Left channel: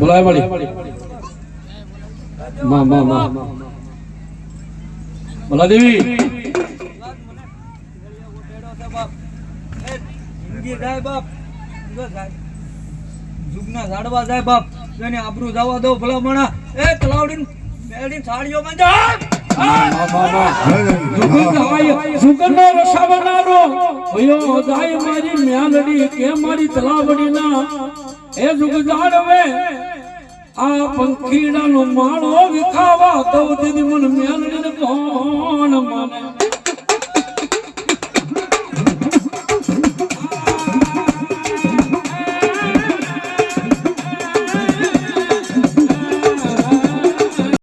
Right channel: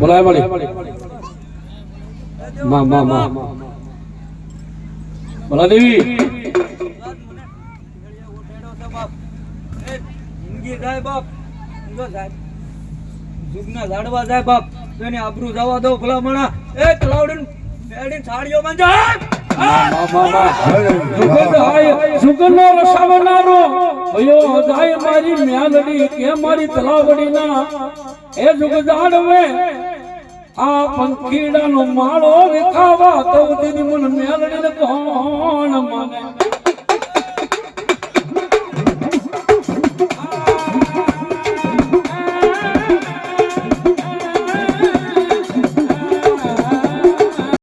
બોલાય મળી માં માં માં. બોલા દેવી જિંદગી જાય બાપ જુગના ઝાડવા જાય બાપ એને આબરૂ જવા દો ભલામણા. એ તલાવડીન બેડીન સાડીઓ માં જા. સુગંધો રસાવનારો અયો જાય મારી મ્યાલડી કે મારી તલાવડીના. એ જુગ જાડવે આ પંખીડાનો માળો વિખાવા તો તેની મન મ્યાલડી કોણ મને.